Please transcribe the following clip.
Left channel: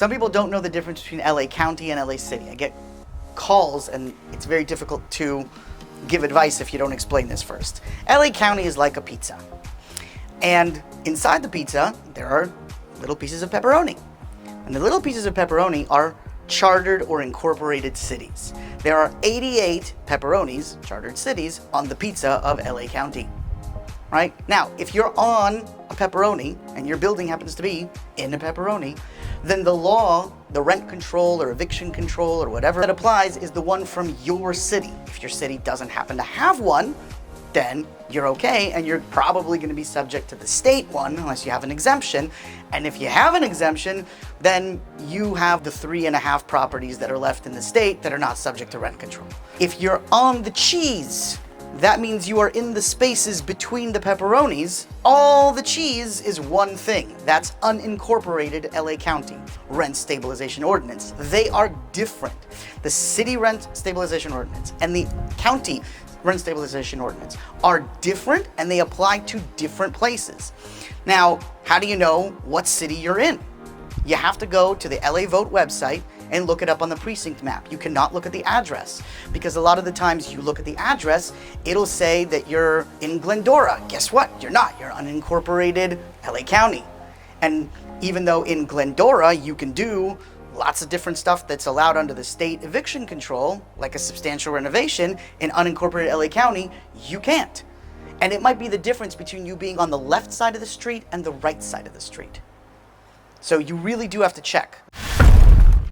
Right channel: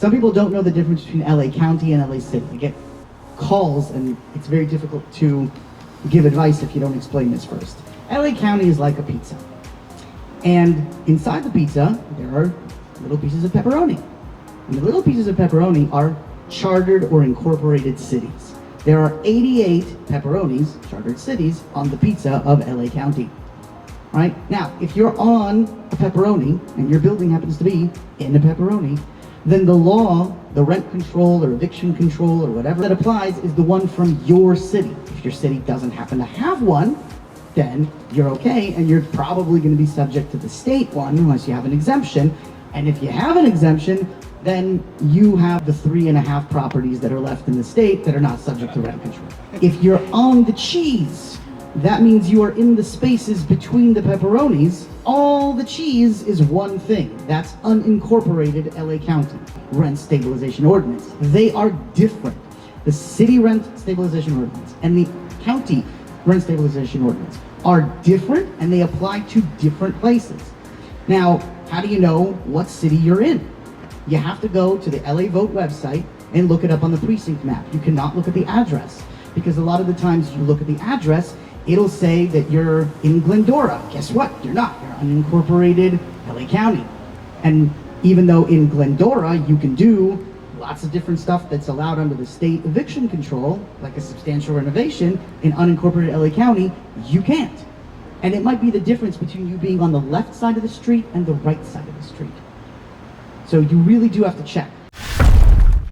Some people don't know the difference between LA County and LA City. I get calls and it's very difficult to give advice if you don't explain this first. LA County is like a pizza. And inside the pizza, there are little pieces of pepperoni. And the little pieces of pepperoni are chartered or incorporated cities. There are 88 pepperonis, chartered cities, on the pizza of LA County. Right? Now, if you're on a pepperoni and your building happens to be in a pepperoni, then the law, the rent control or eviction control or whatever that applies is the one from your city. If your city doesn't happen to have one, then you're okay, and you're probably going to be subject to the state one unless you have an exemption. And if you have an exemption, then you have the 3.5 properties that are left in the state that are not subject to rent control. If you're on the cheese, that means you are in the spaces between the pepperonis. All the cheese is one thing. That's unincorporated LA County rent stabilization ordinance. They are different. The city rent stabilization ordinance and the county rent stabilization ordinance are different, and they apply to different places. Now, how do you know what city you're in? You have to go to the LA Vote website and look it up on the precinct map. You cannot look at the address, because a lot of the times you look at the address, it'll say that you're in Glendora. Guess what? You're not. You're unincorporated LA County. And even though in Glendora you can do lots of different stuff that's allowed under the state eviction control, like a substantial renovation, in unincorporated LA County, you can't. And it might be the difference between you being on the left side of the street and the right side of the street. So you really do have to check.